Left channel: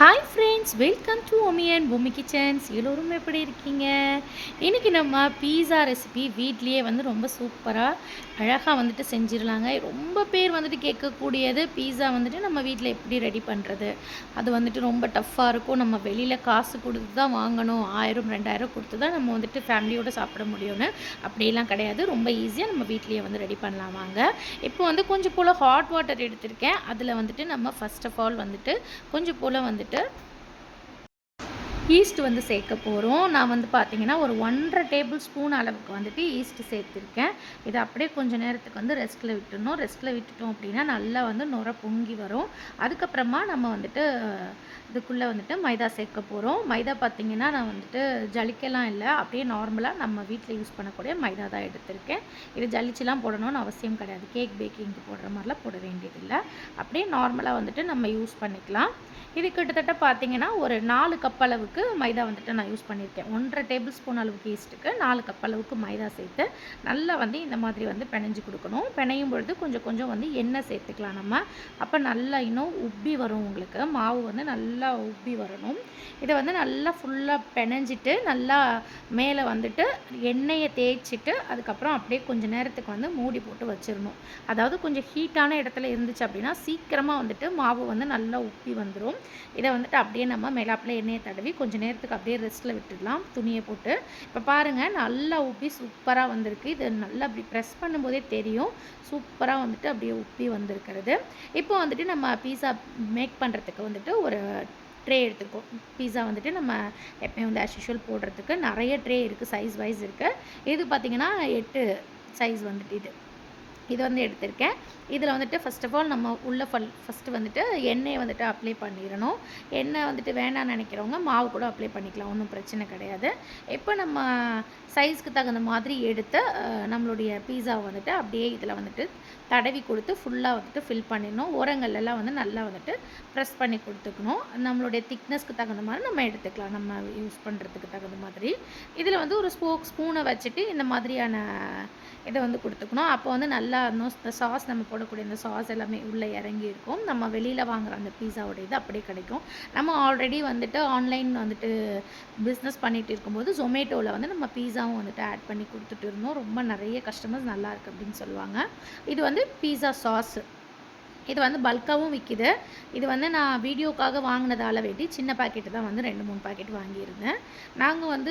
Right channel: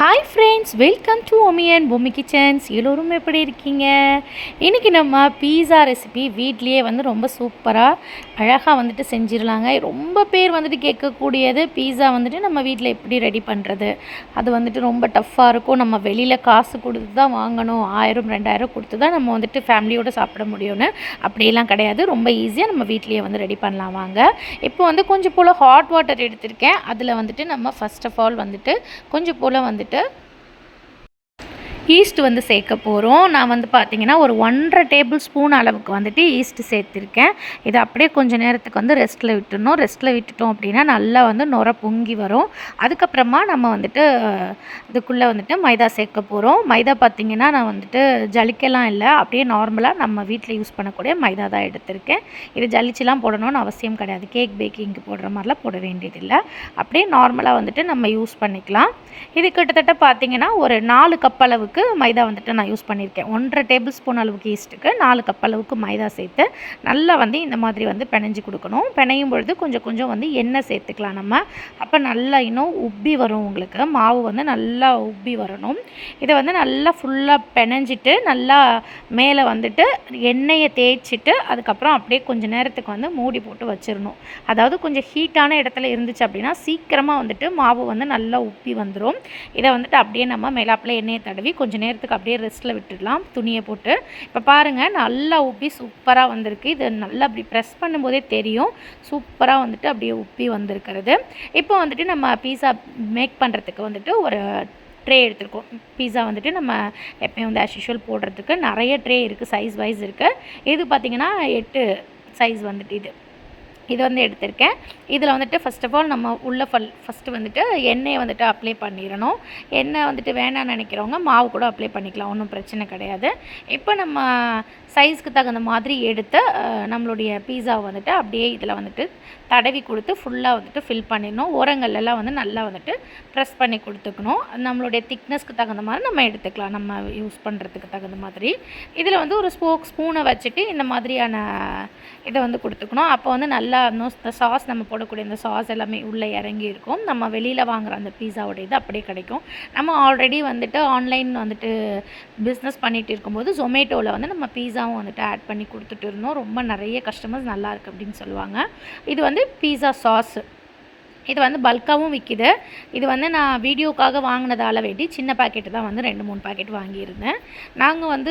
Hi friends, welcome to Omi and Bommi kitchens. எல்லோரும் எப்படி இருக்கீங்க? இன்றைக்கி நம்ம பீஸா ரெசிபி வீட்லேயே ரொம்ப சூப்பராக அழகாக செஞ்சிடலாங்க. ரொம்ப பேர் கேட்கக்கூடியது பீஸா நம்ம வீட்டில் எப்படி ரெடி பண்ணுறது. அது ரொம்ப டஃப்பாக இருக்கும். நம்ம வெளியில் காசு கொடுத்து தான் வாங்கணும், 1000 2000 கொடுத்து தான் நம்ம ஃபேமிலியோடு சாப்பிட முடியும்னு அப்படியெல்லாம் கிடையாது. ரொம்ப ஈஸியாக நம்ம வீட்லேயே ரெடி பண்ணலாம் வாங்க. இப்போ கொஞ்சம் போல் ஹாட் வாட்டர் எடுத்திருக்கேன். அதில் நம்ம ஃபர்ஸ்ட் ஆஃப் ஆல் கொஞ்சம் போல் ஈஸ்ட் சேர்க்க போகிறோம். நான் பார்த்திங்கன்னா ஒரு 1.5 டேபிள் ஸ்பூன் அளவுக்கு ஈஸ்ட் சேர்த்துருக்கேன். இதை அப்படியே கொஞ்சம் நேரத்துக்கு ரெஸ்ட்டில் விட்டுடணும். ரெஸ்ட்டில் விட்டுட்டோம் அப்படின்னா நல்லா நுர பொங்கி வரும். அதுக்கப்புறமா நம்ம இதுக்குள்ளே மைதா சேர்க்க போகிறோம். மைதா பார்த்திங்கன்னா நான் ஜலிக்கலாம் இல்லை, அப்படியே நார்மலாக நம்ம வீட்டில் யூஸ் பண்ணக்கூடிய மைதா தான் எடுத்திருக்கேன். இது ஜலிச்சுலாம் போடணும்னு அவசியம் கிடையாது. கேக் பேக்கிங்க்கு போடுற மாதிரிலாம் போட வேண்டியதில்லை. அப்படியே நார்மலாக நம்ம யூஸ் பண்ணிக்கலாம். இது கிட்டத்தட்ட பார்த்திங்கன்னா ஒரு 4 கப் அளவுக்கு மைதா நான் யூஸ் பண்ணியிருக்கேன். 1.5 டேபிள் ஸ்பூன் அளவுக்கு ஈஸ்ட்டுக்கு 4 கப் அளவுக்கு மைதா சேர்த்து நல்லா இந்த மாதிரி பிணைஞ்சு கொடுக்கணும். பிணையும் பொழுது கொஞ்சம் கொஞ்சம் எண்ணெய் சேர்த்துக்கலாம் நம்ம. அப்போ நல்லா இன்னும் உப்பி வரும். உங்களுக்கு மாவு நல்லா உப்பி வரணும். இதை நல்லா ஃபுல்லாக பிணைஞ்சிட்டு நல்லா மேலே எண்ணெயை தேய்ச்சிட்டு அதுக்கப்புறம் அப்படியே கொஞ்சம் நேரத்துக்கு மூடி போட்டு வச்சிடணும். அதாவது கொஞ்சம் ஹீட்டான இடத்துல இருந்துச்சு அப்படின்னா சீக்கிரமாக மாவு நல்லா உப்பி வந்துடும். இதை அப்படியே நம்ம மேலாப்பில் எண்ணெயை தடவி கொஞ்சம் நேரத்துக்கு அப்படியே ரெஸ்ட்டில் விட்டுடலாம் துணியை போட்டு. இப்போ பாருங்கள், நல்லா உப்பி சூப்பராக வந்திருக்கு. இது நல்லா அப்படி ப்ரெஸ் பண்ணும்போதே தெரியும் சூப்பராக அப்படியே உப்பி வந்திருக்கிறது. இப்போ நம்ம பீஸா மேக் பண்ணுறதுக்கு ஒரு ட்ரே எடுத்துருக்கோம். பீஸா நம்ம எப்பயும் ஆஸ் யூஷுவல் போடுறதுக்கு நிறைய ட்ரே இருக்குது, சைஸ் வைஸ் இருக்குது. இது பார்த்திங்கன்னா 8 சைஸ் இது எடுத்திருக்கேன். இதில் ஃபஸ்ட் ஆஃப் ஆல் நம்ம உள்ள ஃபஸ்ட்டு எண்ணெயை அப்ளை பண்ணிடணும். எண்ணெய் வேணான்னு நினைக்கிறவங்க மாவு கூட அப்ளை பண்ணிக்கலாம், ஒன்றும் பிரச்சனை கிடையாது. இப்போ நம்ம சைஸ்க்கு தகுந்த மாதிரி எடுத்து நம்மளுடைய பீஸாவை அப்படியே இதில் தடவி கொடுத்து ஃபுல்லாக ஃபில் பண்ணிடணும். ஓரங்கள்லாம் நல்லா ப்ரெஸ் பண்ணி கொடுத்துக்கணும். நம்மளுடைய திக்னஸ்க்கு தகுந்த மாதிரி நம்ம எடுத்துக்கலாம், நம்ம யூஸ் பண்ணுறதுக்கு தகுந்த மாதிரி. இதில் ஒரு ஸ்பூனை வச்சுட்டு இந்த மாதிரியான இதை கொடுத்துக்கணும். அப்போ நல்லா இந்த சாஸ் நம்ம போடக்கூடிய இந்த சாஸ் எல்லாமே உள்ளே இறங்கி இருக்கும். நம்ம வெளியில் வாங்குகிற அந்த பீஸாவோட இது அப்படியே கிடைக்கும். நம்ம ஆல்ரெடி ஆன்லைன் பிஸ்னஸ் பண்ணிகிட்டு இருக்கும்போது ஜொமேட்டோவில் நம்ம பீஸாவும் ஆட் பண்ணி கொடுத்துட்டு இருந்தோம். ரொம்ப நிறைய கஸ்டமர்ஸ் நல்லா இருக்குது அப்படின்னு சொல்லுவாங்க. இது பீஸா சாஸ். இது பல்காகவும் விற்கிது. இது நான் வீடியோக்காக வாங்கினதால் வேண்டி சின்ன பாக்கெட்டு தான் 2-3 பாக்கெட் வாங்கியிருந்தேன். நாங்கள்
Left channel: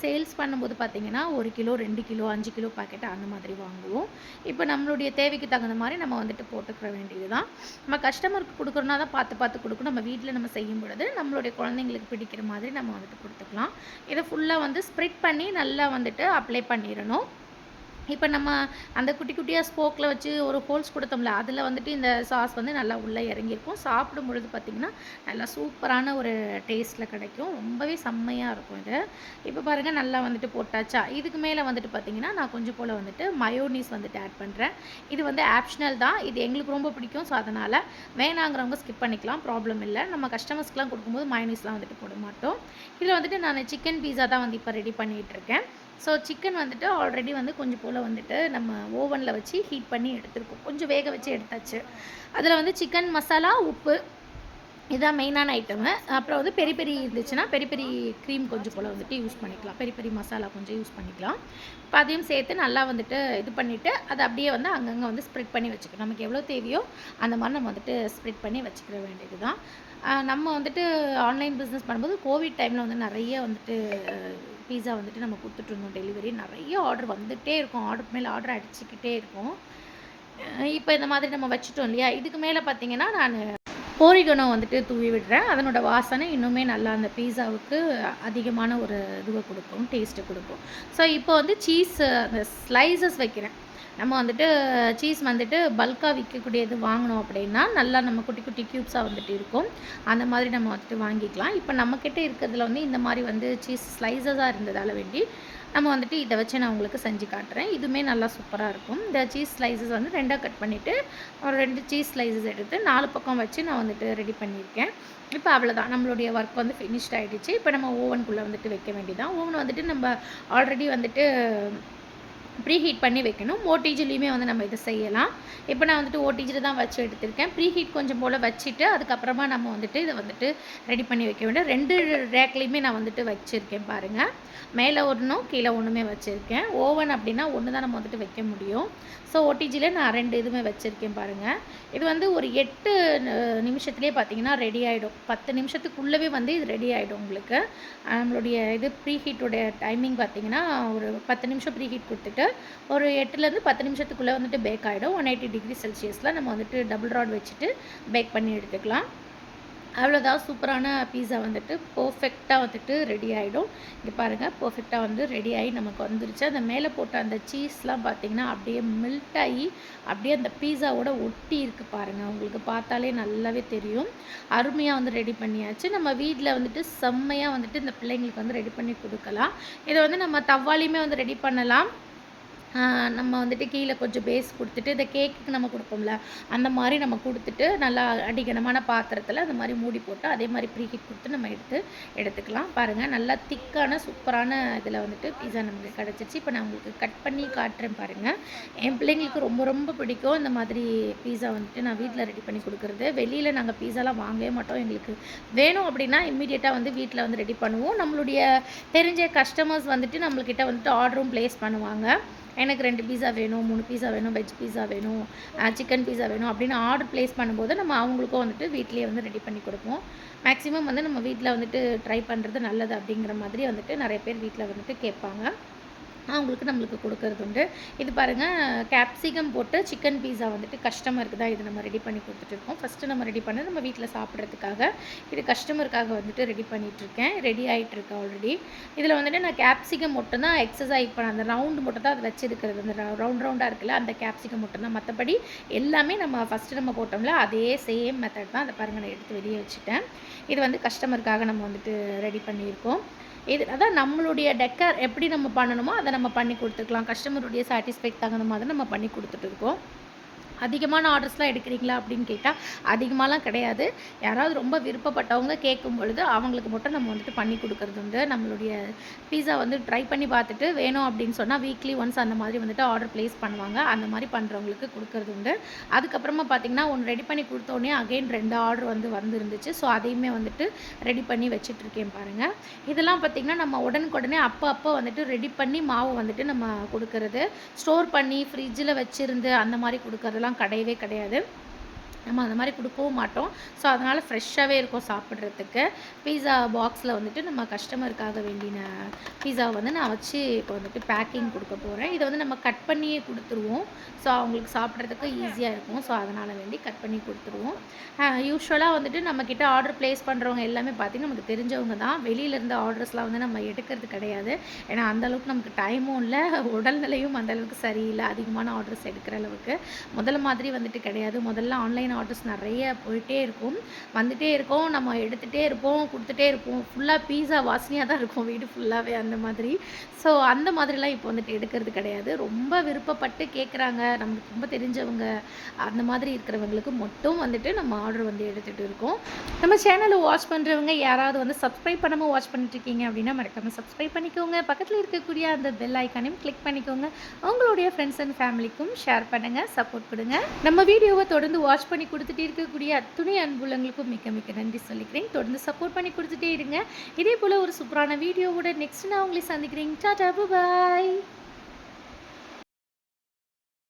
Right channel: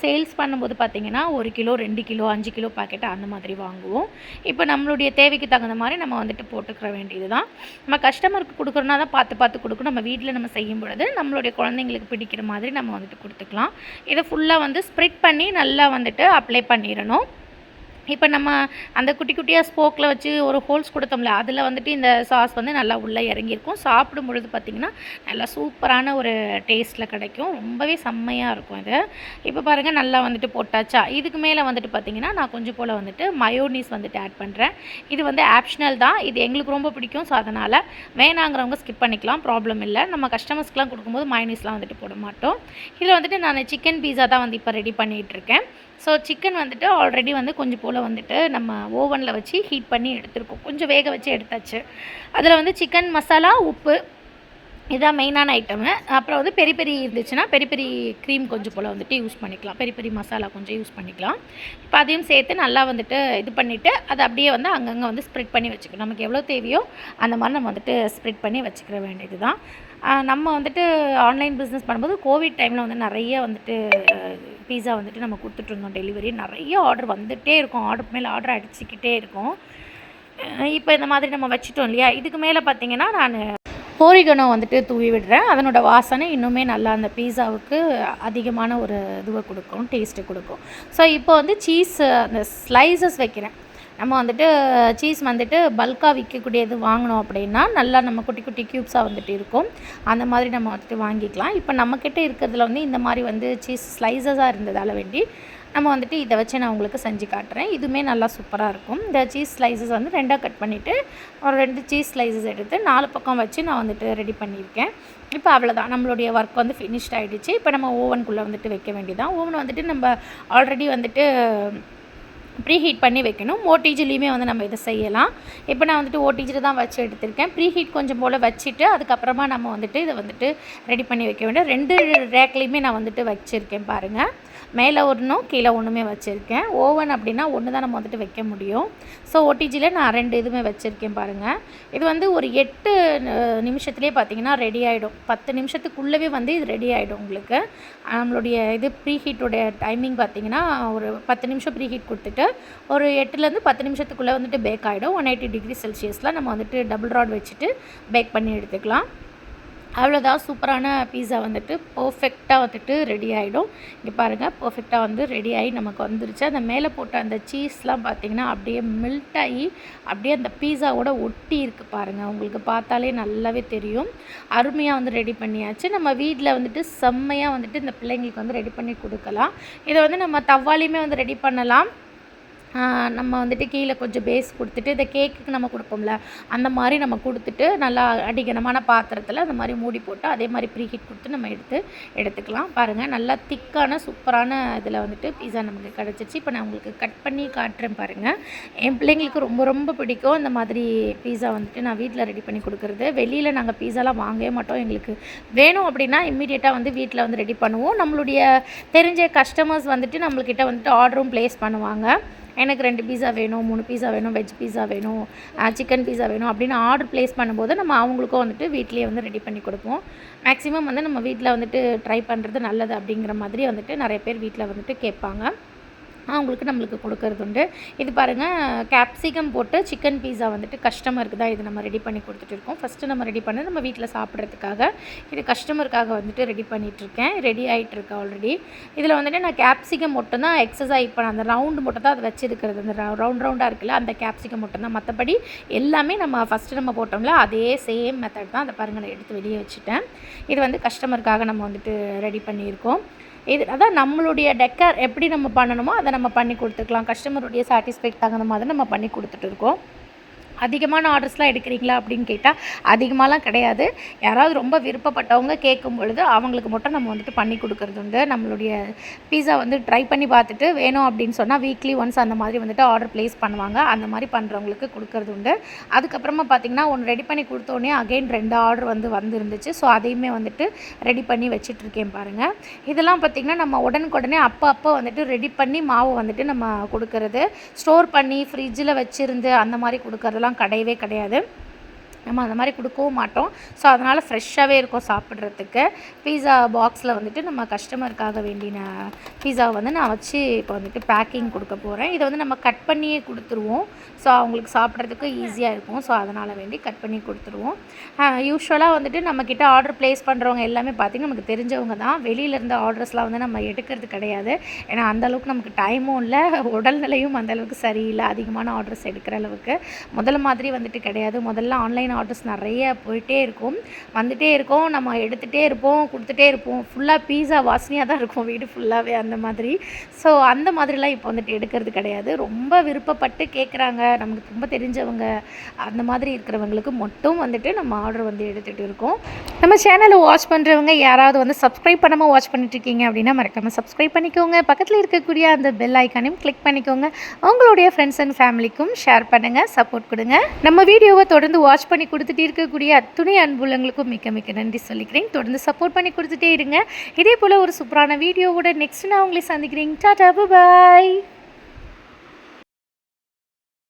சேல்ஸ் பண்ணும்போது பார்த்திங்கன்னா 1 கிலோ 2 கிலோ 5 கிலோ பாக்கெட் அந்த மாதிரி வாங்குவோம். இப்போ நம்மளுடைய தேவைக்கு தகுந்த மாதிரி நம்ம போட்டுக்கிற வேண்டியது தான். நம்ம கஸ்டமருக்கு கொடுக்குறோன்னா தான் பார்த்து கொடுக்கணும். நம்ம வீட்டில் நம்ம செய்யும் பொழுது நம்மளுடைய குழந்தைங்களுக்கு பிடிக்கிற மாதிரி நம்ம கொடுத்துக்கலாம். இதை ஃபுல்லாக ஸ்ப்ரெட் பண்ணி நல்லா அப்ளை பண்ணிடணும். இப்போ நம்ம அந்த குட்டி குட்டியாக ஸ்போக்கில் வச்சு ஒரு ஹோல்ஸ் கொடுத்தோம்ல, அதில் இந்த சாஸ் நல்லா உள்ளே இறங்கியிருக்கும். சாப்பிடும் பொழுது பார்த்திங்கன்னா நல்லா சூப்பரான ஒரு டேஸ்ட்டில் கிடைக்கும். ரொம்பவே செம்மையாக இருக்கும் இது. இப்போ பாருங்கள், நல்லா போட்டாச்சா. இதுக்கு மேலே பார்த்திங்கன்னா நான் கொஞ்சம் போல் மயோனீஸ் ஆட் பண்ணுறேன். இது ஆப்ஷனல் தான். இது எங்களுக்கு ரொம்ப பிடிக்கும். ஸோ அதனால் வேணாங்கிறவங்க ஸ்கிப் பண்ணிக்கலாம், ப்ராப்ளம் இல்லை. நம்ம கஸ்டமர்ஸ்க்கெலாம் கொடுக்கும்போது மயோனீஸ்லாம் போட மாட்டோம். இதில் நான் சிக்கன் பீஸா தான் இப்போ ரெடி பண்ணிகிட்ருக்கேன். ஸோ சிக்கன் ஆல்ரெடி கொஞ்சம் போல் நம்ம ஓவனில் வச்சு ஹீட் பண்ணி எடுத்துருக்கோம். கொஞ்சம் வேக வச்சு எடுத்தாச்சு. அதில் சிக்கன் மசாலா, உப்பு, இதுதான் மெயினான ஐட்டமு. அப்புறம் பெரி பெரி இருந்துச்சுன்னா பெரி பெரி க்ரீம் கொஞ்சம் போல் யூஸ் பண்ணிக்கலாம். பெரி பெரி மசாலா கொஞ்சம் யூஸ் பண்ணிக்கலாம். இப்போ அதையும் சேர்த்து நல்லா இது பண்ணிவிட்டு அதை அப்படியே அங்கங்கே ஸ்ப்ரெட் பண்ணி வச்சுக்கணும். நமக்கு எவ்வளோ தேவையோ அந்த மாதிரி நம்ம ஸ்ப்ரெட் பண்ணி வச்சுக்கிற வேண்டியது தான். நம்ம ஆன்லைன் பிஸ்னஸ் பண்ணும்போது கோவிட் டைமில் நிறைய பீஸா நம்ம கொடுத்துட்ருந்தோம் டெலிவரி. நிறைய ஆர்டர் வந்துகிட்டே இருக்கும், ஆர்டர் மேலே ஆர்டர் அடிச்சுக்கிட்டே இருக்கும். இப்போ இந்த மாதிரி நம்ம வச்சுட்டோம் இல்லையா. இதுக்கு மேலே பார்த்திங்கன்னா நான் ஓரிகனோ தூவி விடுறேன். அதனோட வாசனை இன்னுமே நல்லா அந்த பீஸாவுக்கு அதிகமான ஒரு இதுவை கொடுக்கும், டேஸ்ட்டு கொடுக்கும். ஸோ இப்போ சீஸ் அந்த ஸ்லைசஸ் வைக்கிறேன். நம்ம சீஸ் பல்காக விற்கக்கூடியது வாங்கினோம் அப்படின்னா நல்லா நம்ம குட்டி குட்டி க்யூப்ஸாக இருக்கும். அந்த மாதிரி நம்ம வாங்கிக்கலாம். இப்போ நம்மக்கிட்ட இருக்கிறதுல இந்த மாதிரி சீஸ் ஸ்லைசஸாக இருந்ததால் வேண்டி நம்ம இதை வச்சு நான் உங்களுக்கு செஞ்சு காட்டுறேன். இதுவுமே நல்லா சூப்பராக இருக்கும். இந்த சீஸ் ஸ்லைசஸ் 2ஆக கட் பண்ணிவிட்டு ஒரு 2 சீஸ் ஸ்லைசஸ் எடுத்து 4 பக்கம் வச்சு நான் ரெடி பண்ணியிருக்கேன். இப்போ அவ்வளோதான், நம்மளுடைய ஒர்க் ஃபினிஷ்ட் ஆகிடுச்சு. இப்போ நம்ம ஓவனுக்குள்ளே வைக்க வேண்டியதான். ஓவன் நம்ம ஆல்ரெடி ப்ரீ ஹீட் பண்ணி வைக்கணும். ஓடிஜிலையுமே வந்து நம்ம இதை செய்யலாம். இப்போ நான் வந்துட்டு ஓடிஜியில் தான் வச்சு எடுத்திருக்கேன். ப்ரீ ஹீட் கொஞ்சம் போல் வச்சுட்டு அதுக்கப்புறமா நம்ம வந்துட்டு இதை வந்துட்டு ரெடி பண்ணி வைக்க வேண்டும். 2 ரேக்லேயுமே நான் வந்துட்டு வச்சுருக்கேன் பாருங்கள். மேலே ஒன்றும் கீழே ஒன்றுமே வச்சுருக்கேன். ஓவன் அப்படின்னா ஒன்று தான் நம்ம வந்துட்டு வைக்க முடியும். ஸோ ஓடிஜியில் நான் 2 இதுவுமே வச்சுருக்கேன் பாருங்கள். இது வந்து ஒரு 8 நிமிஷத்துலேயே பார்த்திங்கன்னா ரெடி ஆகிடும். 10 நிமிஷத்துக்குள்ளவே வந்து இது ரெடி ஆகிடும் உங்களுக்கு. நம்மளுடைய இது ப்ரீ ஹீட்டோடைய டைமிங் பார்த்திங்கன்னா ஒரு 10 நிமிஷம் ப்ரீ ஹீட் கொடுத்துட்டு ஒரு 8லேருந்து 10 நிமிஷத்துக்குள்ளே வந்துட்டு பேக் ஆகிடும். 180 டிகிரி செல்சியஸில் நம்ம வந்துட்டு டபுள் ராட் வச்சுட்டு பேக் பண்ணி எடுத்துக்கலாம். அவ்வளோதான், சூப்பரான பீஸா வந்துட்டு பர்ஃபெக்டாக வந்துட்டு ரெடி ஆகிடும். இங்கே பாருங்கள், பர்ஃபெக்டாக வந்து ரெடி ஆகி நமக்கு வந்துருச்சு. அந்த மேலே போட்ட அந்த சீஸ்லாம் பார்த்திங்கன்னா அப்படியே மெல்ட் ஆகி அப்படியே அந்த பீஸாவோட ஒட்டி இருக்குது பாருங்கள். உங்களுக்கு பார்த்தாலே நல்லாவே தெரியும். அருமையாக வந்து ரெடி பண்ணியாச்சு. நம்ம வீட்டில் வந்துட்டு செம்மையாக வந்துட்டு இந்த பிள்ளைங்களுக்கு வந்து ரெடி பண்ணி கொடுக்கலாம். இதை வந்து நம்ம தவாலையுமே வந்து ரெடி பண்ணலாம். நம்ம வந்துட்டு கீழே கொஞ்சம் பேஸ் கொடுத்துட்டு இந்த கேக்குக்கு நம்ம கொடுப்போம்ல அந்த மாதிரி நம்ம கொடுத்துட்டு நல்லா அடிக்கனமான பாத்திரத்தில் அந்த மாதிரி மூடி போட்டு அதே மாதிரி ப்ரீ ஹீட் கொடுத்து நம்ம எடுத்துக்கலாம். பாருங்கள், நல்லா திக்கான சூப்பரான இதில் வந்துட்டு பீஸா நமக்கு கிடச்சிச்சு. இப்போ நான் உங்களுக்கு கட் பண்ணி காட்டுறேன் பாருங்கள். என் பிள்ளைங்களுக்கு ரொம்ப ரொம்ப பிடிக்கும் இந்த மாதிரி பீஸா வந்துட்டு நான் வீட்டில் ரெடி பண்ணி கொடுக்குறது. வெளியில் நாங்கள் பீஸாலாம் வாங்கவே மாட்டோம். எங்களுக்கு வேணும் அப்படின்னா இம்மீடியட்டாக வந்து வீட்டில் வந்து ரெடி பண்ணுவோம். நம்மளுடைய தெரிஞ்ச கஸ்டமர்ஸ் வந்துட்டு நம்மள்கிட்ட வந்துட்டு ஆர்டரும் ப்ளேஸ் பண்ணுவாங்க. எனக்கு 2 பீஸா வேணும், 3 பீஸா வேணும், வெஜ் பீஸா வேணும், சிக்கன் பீஸா வேணும் அப்படின்னு ஆர்டர் ப்ளேஸ் பண்ணும்போது நம்ம அவங்களுக்கும் வந்துட்டு வீட்டிலேயே வந்து ரெடி பண்ணி கொடுப்போம். மேக்ஸிமம் வந்து நம்ம வீட்டில் வந்துட்டு ட்ரை பண்ணுறது நல்லது அப்படிங்கிற மாதிரி வந்துட்டு நிறைய பேர் வீட்டில் வந்துட்டு கேட்பாங்க. அவங்களுக்கு நம்மளுக்கு கொடுக்கறது உண்டு. இது பாருங்கள், கேப்சிகம் போட்டு சிக்கன் பீஸா வந்துட்டு கஸ்டமருக்கு தான் இது நம்ம ரெடி பண்ணி கொடுத்துட்ருக்கோம். ஃபஸ்ட்டு நம்ம ரெடி பண்ணி நம்ம வீட்டில் சாப்பிட்றதுக்காக இது கஸ்டமருக்காக வந்துட்டு ரெடி பண்ணிகிட்ருக்கேன். ரெடி ஆகிட்டுருக்கு ஆல்ரெடி. இதில் வந்துட்டு நான் கேப்சிகம் மட்டும் தான் எக்ஸசைஸ் பண்ண அந்த ரவுண்டு மட்டும் தான் அது வச்சுருக்கிறது. அந்த ரவுண்டாக இருக்குல்ல அந்த கேப்சிகம் மட்டும் தான். மற்றபடி எல்லாமே நம்ம ஃபஸ்ட்டு நம்ம போட்டோம்ல அதே சேம் மெத்தட் தான். அதை பாருங்கள், நான் எடுத்து வெளியே வச்சுட்டேன். இது வந்து கஸ்டமருக்காக நம்ம வந்துட்டு ரெடி பண்ணியிருக்கோம். இது அதான் நம்மளுடைய டெக்கர் எப்படி நம்ம பண்ணணுமோ அதை நம்ம பண்ணி கொடுத்துக்கலாம். கஸ்டமருடைய சாட்டிஸ்ஃபைக்கு தகுந்த மாதிரி நம்ம பண்ணி கொடுத்துட்ருக்கோம். அதிகமான ஆர்டர்ஸ்லாம் எடுக்கிறீங்களா அப்படின்னு கேட்டால் அதிகமாகலாம் கிடையாது. யாராவது ரொம்ப விருப்பப்பட்டவங்க கேட்கும் பொழுது அவங்களுக்கு மட்டும் நம்ம வந்துட்டு பண்ணி கொடுக்குறது உண்டு. நம்மளுடைய பீஸா வந்து ட்ரை பண்ணி பார்த்துட்டு வேணும் அப்படின்னு சொன்னால் வீக்லி ஒன்ஸ் அந்த மாதிரி வந்துட்டு ஆர்டர் ப்ளேஸ் பண்ணுவாங்க. அந்த மாதிரி பண்ணுறவங்களுக்கு கொடுக்குறது உண்டு. அதுக்கப்புறமா பார்த்திங்கன்னா ஒன்று ரெடி பண்ணி கொடுத்தோடனே அகெயின் 2 ஆர்டர் வந்துருந்துச்சு. ஸோ அதையுமே வந்துட்டு ரெடி பண்ணி வச்சுட்ருக்கேன் பாருங்கள். இதெல்லாம் பார்த்திங்கன்னா நம்ம உடனுக்குடனே அப்போ வந்துட்டு ரெடி பண்ணி மாவு வந்துட்டு நம்ம கொடுக்கறது. ஸ்டோர் பண்ணி ஃப்ரிட்ஜில் வச்சுருந்து அந்த மாதிரி கொடுக்கறதெல்லாம் கிடையவே கிடையாது. நம்ம அந்த மாதிரி கொடுக்கவும் மாட்டோம். ஸோ அதனால் ஃப்ரெஷ்ஷாகவே இருக்கும் சாப்பிட்றதுக்கு. பீஸா பாக்ஸில் வந்துட்டு நம்ம கஸ்டமருக்காக வேண்டின பீஸாவை வந்து நான் வச்சு இப்போ வந்துட்டு பேக்கிங் கொடுக்க போகிறேன். இதை வந்து நம்ம கட் பண்ணியே கொடுத்துருவோம். ஸோ அவங்களுக்கு சாப்பிட்றதுக்கு ஈஸியாக இருக்கும். ஸோ அதனால் வேண்டி கட் பண்ணி கொடுத்துருவோம். யூஸ்வலாக வந்துட்டு நம்மக்கிட்ட ஆர்டர் ப்ளேஸ் பண்ணுறவங்க எல்லாமே பார்த்திங்கன்னா நமக்கு தெரிஞ்சவங்க தான். வெளியிலேருந்து ஆர்டர்ஸ்லாம் வந்து நம்ம எடுக்கிறது கிடையாது. ஏன்னா அந்தளவுக்கு நமக்கு டைமும் இல்லை, உடல்நிலையும் அந்தளவுக்கு சரியில்லை அதிகமான ஆர்டர்ஸ் எடுக்கிற அளவுக்கு. முதல்ல மாதிரி வந்துட்டு கிடையாது. முதல்ல ஆன்லைன் ஆர்டர்ஸ் நிறைய போயிட்டே இருக்கும், வந்துகிட்டே இருக்கும். நம்ம எடுத்துகிட்டே இருப்போம், கொடுத்துட்டே இருப்போம். ஃபுல்லாக பீஸா வாசனையாக தான் இருக்கும் வீடு ஃபுல்லாகவே அந்த மாதிரி. ஸோ அந்த மாதிரிலாம் இப்போ வந்துட்டு எடுக்கிறது கிடையாது. ரொம்ப விருப்பப்பட்டு கேட்குறாங்க, நமக்கு ரொம்ப தெரிஞ்சவங்க அந்த மாதிரி இருக்கிறவங்களுக்கு மட்டும் வந்துட்டு நம்ம ஆர்டர் வந்து எடுத்துகிட்டு இருக்கோம். நம்ம சேனலை வாட்ச் பண்ணுறவங்க யாராவது வந்து சப்ஸ்கிரைப் பண்ணாமல் வாட்ச் பண்ணிட்டுருக்கீங்க அப்படின்னா மறக்காமல் சப்ஸ்கிரைப் பண்ணிக்கோங்க. பக்கத்தில் இருக்கக்கூடிய அந்த பெல் ஐக்கானையும் கிளிக் பண்ணிக்கோங்க. உங்களுடைய ஃப்ரெண்ட்ஸ் அண்ட் ஃபேமிலிக்கும் ஷேர் பண்ணுங்கள், சப்போர்ட் கொடுங்க. நம்ம வீடியோவை தொடர்ந்து வாட்ச் பண்ணி கொடுத்துட்டு இருக்கக்கூடிய அத்துணை அன்புள்ளங்களுக்கும் மிக்க மிக்க நன்றி சொல்லிக்கிறேன். தொடர்ந்து சப்போர்ட் பண்ணி கொடுத்துட்டே இருங்க. இதே போல் ஒரு சூப்பரான வீடியோவோட நெக்ஸ்ட் நான் உங்களை சந்திக்கிறேன். டாடா, பாய்.